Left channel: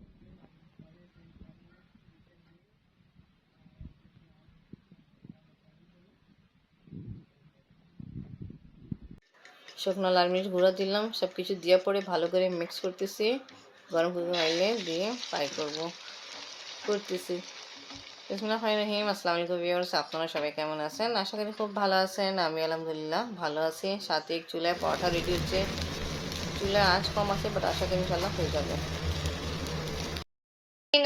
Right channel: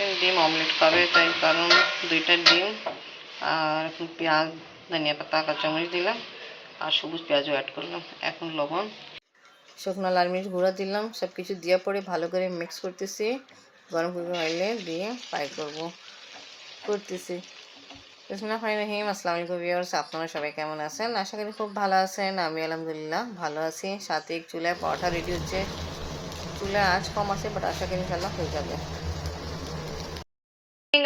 ডিম অমলেট খাবে, তাই কারণ 2টা ডিম আর এখন পেঁয়াজ, ধনিয়া পাতা, কাঁচামরিচ দিলাম আর সবুজ পেঁয়াজও অ্যাড করলাম। এখন লবণ, শুকনো লাল মরিচ গুঁড়া দিলাম। সব কিছু দেওয়ার পরে ভালো করে মিক্স করতেছি। গরম করে অয়েলে দিয়ে ফ্রাই করতেছি। বিসমিল্লাহির আসসালামু আলাইকুম ভিউয়ার্স, আপনারা সবাই কেমন আছেন? আশা করি খুব ভালো আছেন। আমি আলহামদুলিল্লাহ ভালো আছি। সাথে চুলায় পরোটা রেডি হচ্ছে। চুলায় আঁচ কম আছে, বাট আশা করি ইনশাল্লাহ হয়ে যাবে।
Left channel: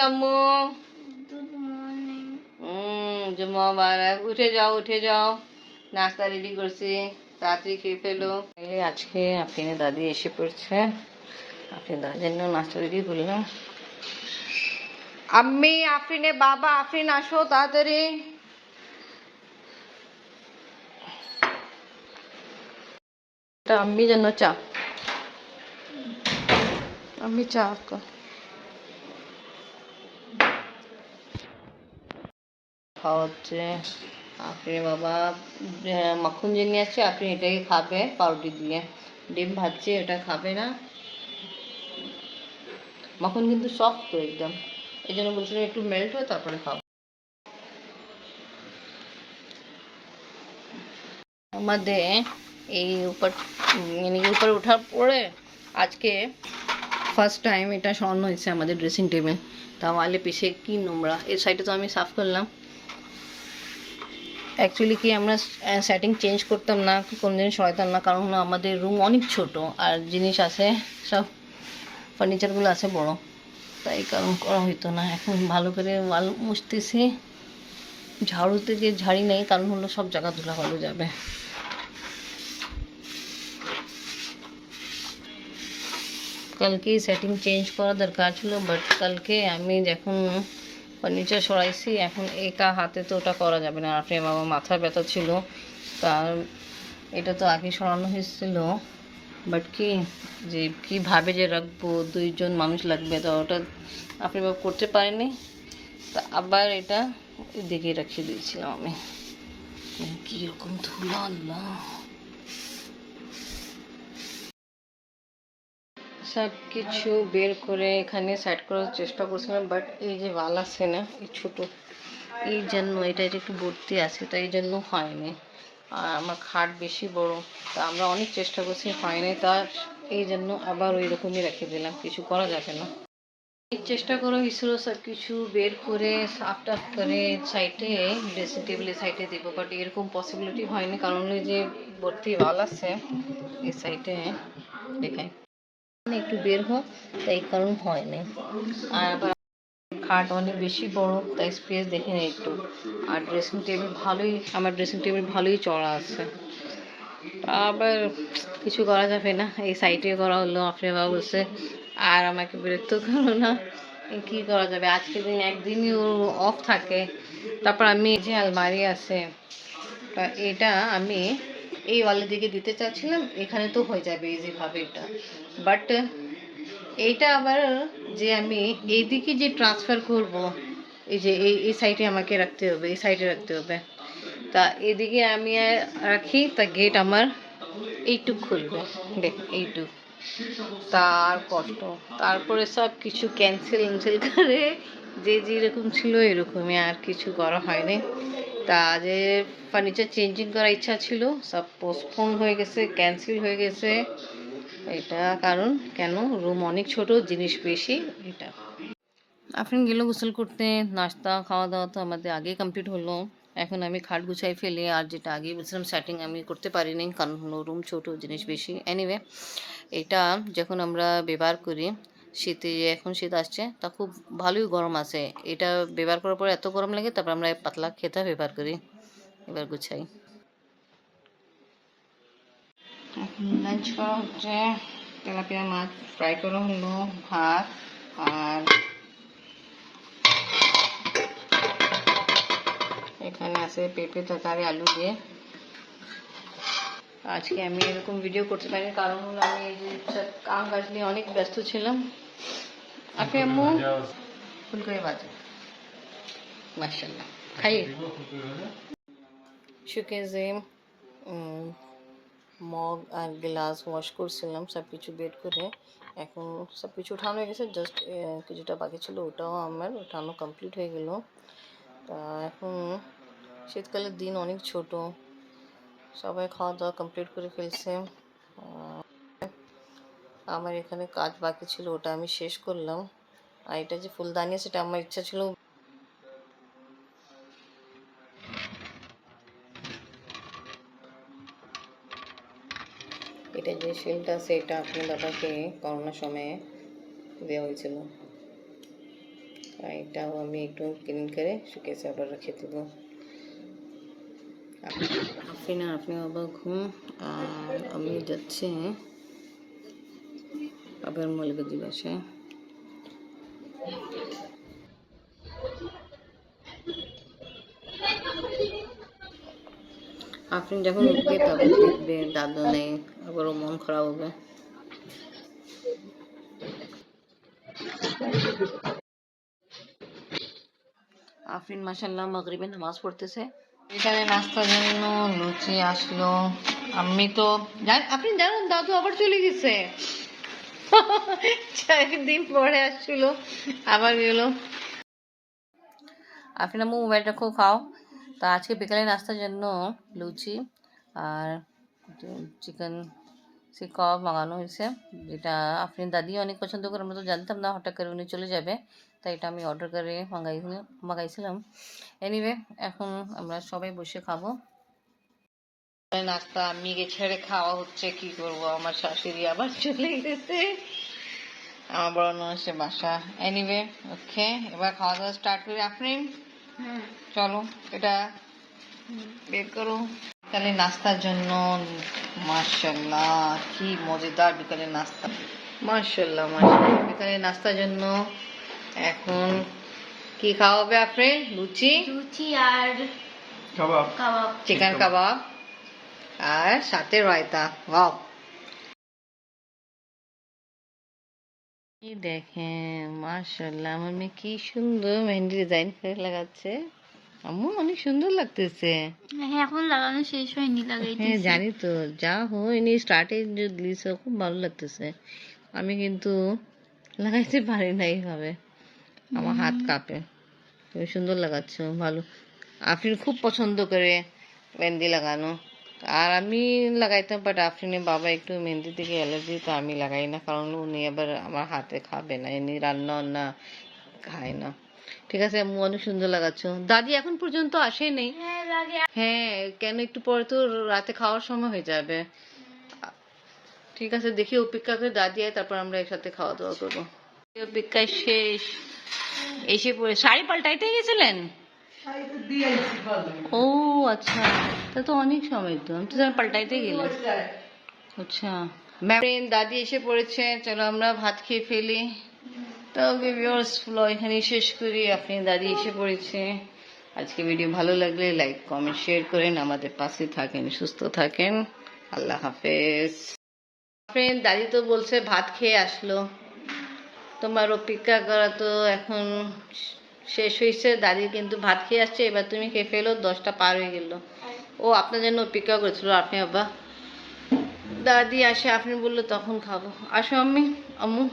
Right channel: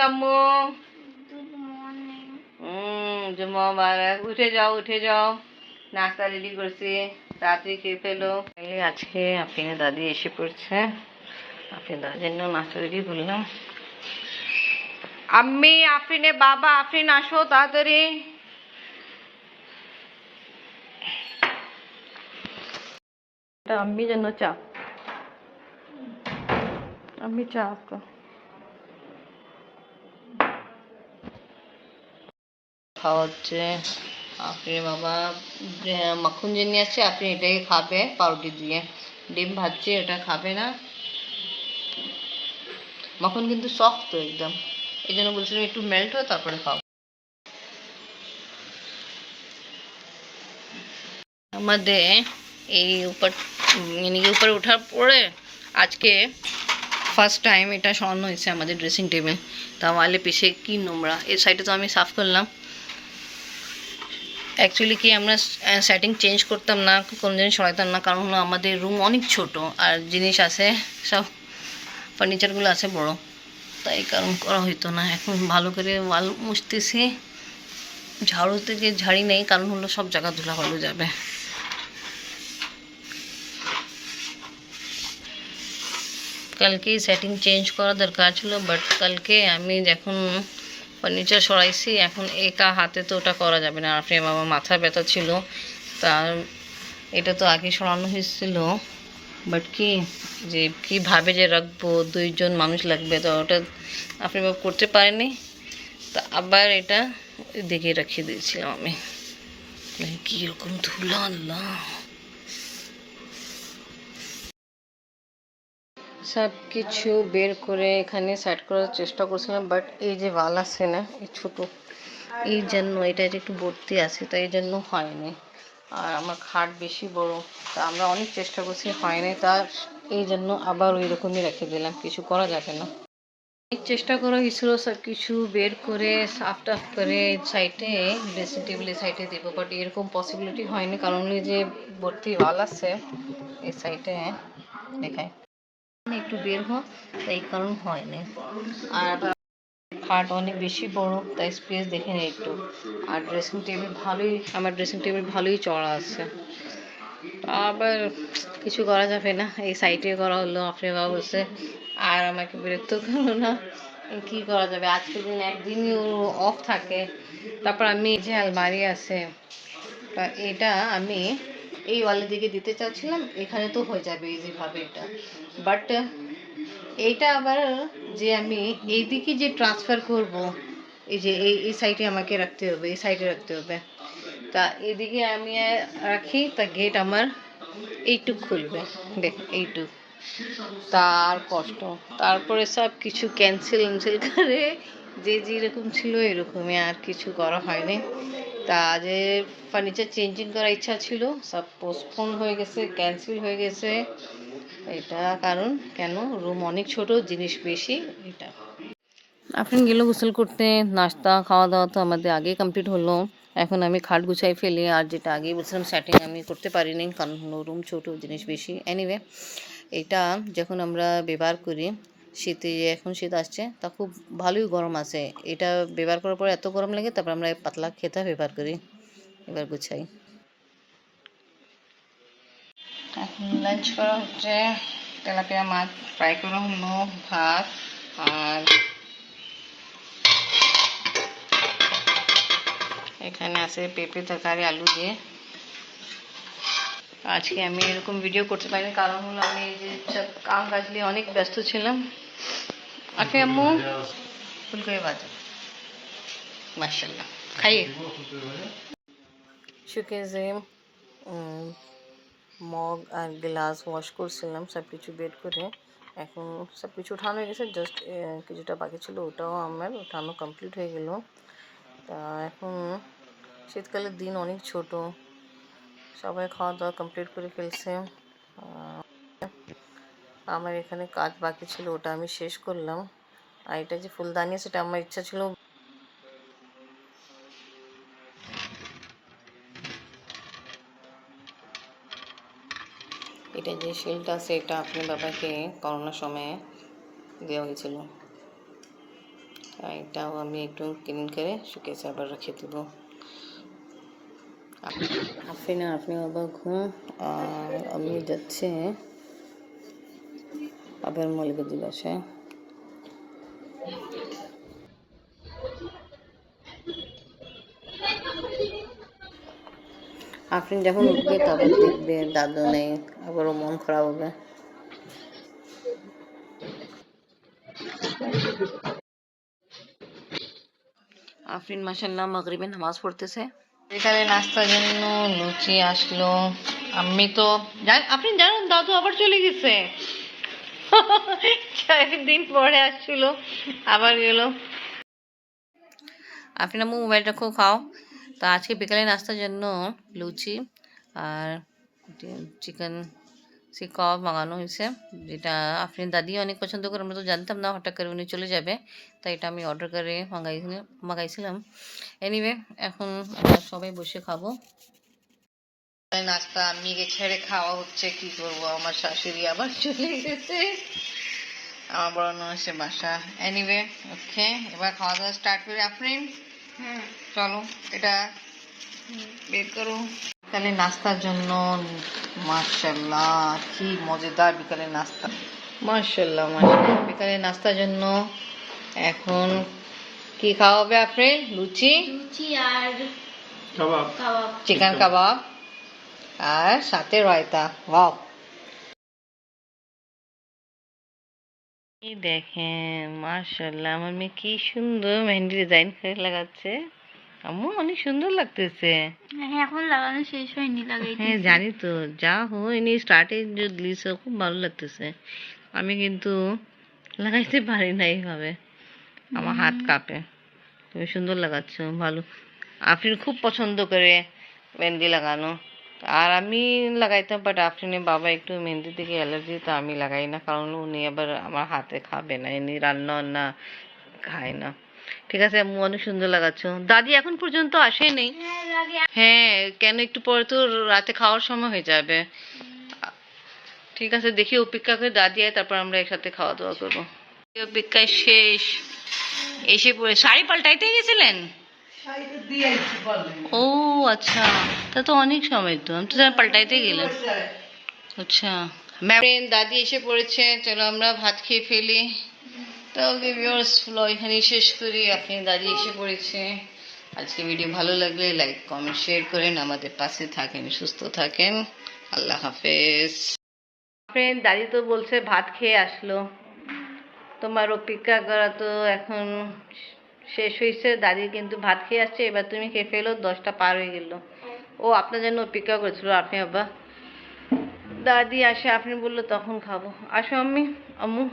আম্মু উঠে যাও, উঠে যাও, নাস্তা রেডি করছি, তাড়াতাড়ি খেয়ে ফেলো। আজকে আফরিনের দাদি এসে পড়ছে, আফরিন দাদির জন্য নাস্তা রেডি করলাম। আম্মি, আফরিনের বাবা, আফরিন আসো তাড়াতাড়ি। এটা আম্মির জন্য চা, আম্মি চা আপকা। খাওয়া হচ্ছে। আপনি বাবা মাখন যে নিয়ে আসছে, আপনি এটাই খাবে পাউরুটি দিয়ে। ডিম ভাজছে, এটা খাবে না। মাখন কিন্তু সফট তো একদম, এই জন্য বলছিলাম একটু মেল্ট হয় তারপরে খাও। আমাদের এই উপরে ওঠার পরে আজকে ফার্স্ট টাইম এটা সরানো হয়েছে আমাদের ড্রেসিং টেবিল। তা ওয়ালে পিছে কি নোংরা, এই সাইডে তো আমি সাফ করলাম। অ্যাকচুয়ালি কি আমরা সেটিং চেঞ্জ করতাম না, কোনো জিনিস সরাইতাম না, কারণ হলো আমাদের রুম অনেক ছোট আর জিনিস আছে সব, ফার্নিচারগুলো আছে বড়, তাই কারণ করা হইতো না। এখন ভালো করে ওয়াল মুছতেছি। ঝাড়ু থেকে ঝাড়ি নেই, কারণ হলো সব জায়গা ধুলা ভালো যাবে। কালকেই সেটিং চেঞ্জ করা দরকার ছিল, বাট কালকে আমি যখন ফার্নিচার সরাইছি, এখন একা হাতে তো ওটা করা যাবে না। আপনি আমার মাথা ব্যথা ছিল, তার এটা তো আগে সরানো হয়েছিল, বাট কি যে কীভাবে যে রাখবো, 2জন মানুষ লাগবে, তো ওটা আপনি করতে পারেনি। তা আবার এটা দেখে রাখিয়ে দিয়েছিলাম আমি। কীরকম ধুলা, আল্লাহ। সব কিছু বের করে এখানে সাইড করার চেষ্টা করছিলাম, বাট এই যে ওয়াল আছে না, এই ছোটো, এই জন্য এটা একটু ভর্তি আছে, তাই এই জন্য হয়নি। আর আমার খাট বেশি বড়, তা আমরা অনেক চেষ্টা করছি, হয়নি, তার এই জন্য আবার ওই রকমই রেখে দিলাম, কিছু করা যাবে না। অনেক চেষ্টা করা হয়েছিল সব কিছু বের করে সাফ টাফ করে সাইডে, ড্রেসিং টেবিলের সাইডে দেবো, বাট এরকম পসিবিলিটি হয়নি, কারণ ওই যে ভর্তি ওয়াল আছে এই সাইডে, দেখায় একটু বের হোক, তাই কারণ হয়নি। আর আবার খাট অনেক বেশি বড়, তাই স্পেস দেখে নেই একটু। আর ড্রেসিং টেবিল ভালোই, আমার ড্রেসিং টেবিল ভালোই চড়া আছে, আবার কিছু করা যাবে না, এই সাইডে করা হলো। আপনি বাবা বলছে আর আমাকে বিরক্ত করো না, কি করা যাবে, আজকের দিন একদিনই অফ থাকে। তারপর আমি যে আলমারি আছে, এটা আমি এই ওয়ালের দিকে দিতে চাচ্ছিলাম, এখানে তো হয়ে যাবে ইজিভাবে এটা, বাট এইটা আবার যে আমি এইদিকে যে ট্রান্সফার করব, এই যে এই সাইডে আমাকে রাখতে হবে, এই সাইডে রাখতে হবে। তা এদিকে আমি রাখি, তা গেট আমার এইটুক খুলবে, দেখ এইটুক, তার কষ্ট। তারপরে সব কিছু ক্যান্সেল করে যে যেরকম ছিল এরকমই, আর কিছু করা হয়নি। তা যে ফার্নিচার চেঞ্জিং করার ইচ্ছা ছিল, সব পোস্টপোন হয়ে গেছে, ক্যান্সেল হয়ে গেছে। এটা কারণ কেন, রুম অনেক ছোট, জিনিস বেশি, এটা। এখন গেল গোসল করতে। নাস্তা খাওয়া দাওয়া তো আমাদের আগে কমপ্লিট হলো। এখন আমি খাট গুছাই ফেলি, আর যেটা আগে বলছিলাম সেটিং আমি করতে পারিনি, কারণ হলো রুম ছোট, জিনিস বেশি। এনিওয়ে, এটা যখন আমরা ব্যবহার করি শীতে, এখন শীত আসছে, তা খুব ভালোই গরম আছে। এটা ব্যবহার করার পরে এত গরম লাগে, তারপর আমরা পাতলা খেতা ব্যবহার করি। এবার গুছাই। এখন লাঞ্চ করা হচ্ছে, তেলাপিয়া মাছ ফ্রাই করা হলো, ভাত, আর এখানে আছে পেঁপে তরকারি আলু দিয়ে। আজকে আমি এরকম ভিডিও করতে পারিনি, কারণ হলো আমি এই যে কাম কাজ নিয়ে অনেক ব্যস্ত ছিলাম। আপনি আম্মু ফুলকপি ভাজা, মাশাআল্লাহ, খাইয়ে শোকেজে মগ আর গ্লাস ওয়াশ করছিলাম, সব কিছু বের করে এখন সব কিছু উঠানো হয়ে গেছে, জাস্ট কিছুটা বাকি ছিল, ওটাও আমার উঠানো কমপ্লিট হয়ে গেল। তা এখন শীতকালের দিন অনেক ছোট, সবাই খাওয়া দাওয়া কমপ্লিট করে ফেলছে। আমার এখানে কাজ বাকি ছিল, ওটা আমি শেষ করলাম। আর এটা যে ফুলদানি, সেটা আমার ইচ্ছা ছিল এটা যে শিলটা আছে, এটা আপনি বাবাকে করোনার সময়ে দেওয়া হয়েছিল। আর এটাও আমি একটু ক্লিন করে শুকিয়েছে আবার রেখে দেবো। আপনি বাবা ঘুম, আর আমি যাচ্ছি আবার মৌলবী বাসায়। আপনি যখন উঠবে তারপর দেখবে দাদু নেই, আবারও মন খারাপ হবে। আফরিন মাশাআল্লাহ মাগরিবে নামাজ পড়তেছে। এখানে নাস্তার জন্য লুচি আসলো। আমি তো আপনি জানেন দাদু আবার চলে গেছে। 4 দিন পরে আসছিল, আবার গেল। আপনি না মোবাইল রাখো, খাও। তো আজকে বিকালে নাস্তার জন্য লুচি আর চিকেন কাবাব মাঙানো হয়েছে, যেটা আপনি দাদি অনেক পছন্দ করে। আমরা তো জানতাম না, হঠাৎ করে উনি চলে যাবে, তাই এটা আমি অর্ডার করে মাগাইছিলাম। এনিওয়ে, এখন আমরা সবাই বসে খাবো। নাস্তা আম্মিকে ছেড়ে খাওয়া হচ্ছে, কি করবো, আমার শাশুড়ি আবার চলে গেছে, আমার বড় ননসে বাসা। এনিওয়ে, ওকে, এবার খাওয়া দাওয়া স্টার্ট করি। আপনি চলো এটা বের করো। বিকালে নাস্তার জন্য মাশাআল্লাহ কি মজাদার বিকালে নাস্তা, মাশাআল্লাহ মাশাআল্লাহ। বিকালে নাস্তার জন্য এখন কি খাওয়াবে আপনি? লুচি আর কাবাব, চিকেন কাবাব, আর সাথে রায়তা। ওয়াও, এই দেখেন মাশাআল্লাহ, আমার মেয়ে কি সুন্দর মেহেন্দি ডিজাইন করে লাগাচ্ছে। আম্মু অনেক সুন্দর লাগতেছে। হ্যাঁ, এখন লাগানো শেষ হয়নি, লাগাইতেছি। হ্যাঁ জানি তো, যা হয়নি স্টার্টে যে দিয়েছে খুব ভালো লাগতেছে। আমি কিন্তু লাগাইতে পারি না এইভাবে, আমার হাত কাঁপে। তুমি সুন্দর লাগাচ্ছ, ভালো। আফরিন খুব পছন্দ করে মেহেন্দি লাগানো, আর আমি লাগাইতাম, বাট আফরিনের বাবা একটু মেহেন্দি থেকে অ্যালার্জি, তো আমি লাগাই না, কারণ উনি আবার আমার হাতে খাবে না, এমনি রান্না না খায় না। ঠিক আছে আম্মু, অনেক সুন্দর লাগাচ্ছ। দাদি এখন পর্যন্ত আসেনি। হ্যাঁ, কেন, একটু পরে তো রাতে খাওয়ার সময় হয়ে যাবে। ঠিক আছে, দেখি অপেক্ষা করে দাদি আয়, তারপর আমরা একসাথে খাওয়া দাওয়া করবো। অপেক্ষায় শেষ, এসে পড়ে। শাড়ি পাল্টাইতে গেছিলেন? ও আচ্ছা, তা তো অনেক সময়, তো আমি তো পাল্টাইতে গেলাম। আচ্ছা, দাদি এসে পড়েছে, চলো আমরা ভাত খেয়ে ফেলি। তো ভিউয়ার্স, ব্লগ এখানেই শেষ করি। আপনি দাদি এসে পড়েছে। আজকে ভিডিও ভালো লাগলে লাইক কমেন্ট শেয়ার করেন, আমাদের পাশে থাকেন, সুস্থ থাকেন। আল্লাহ হাফেজ। ফ্রেন্ড, দাদি তো বলছে ভাত খেয়ে আসলো, তোমার অপেক্ষা করা তো এখন শেষ হয়েছে। দাদি কিন্তু ভাত খেয়ে আসছে, এবার তুমি খেয়ে ফেলো, 10টা পার হয়ে গেল। ও আপনার জন্য অপেক্ষা করেছিল। আপনি বাবা দাদি আসে, আপনি বললো তখন খাবো। আসো আম্মি, আম্মু।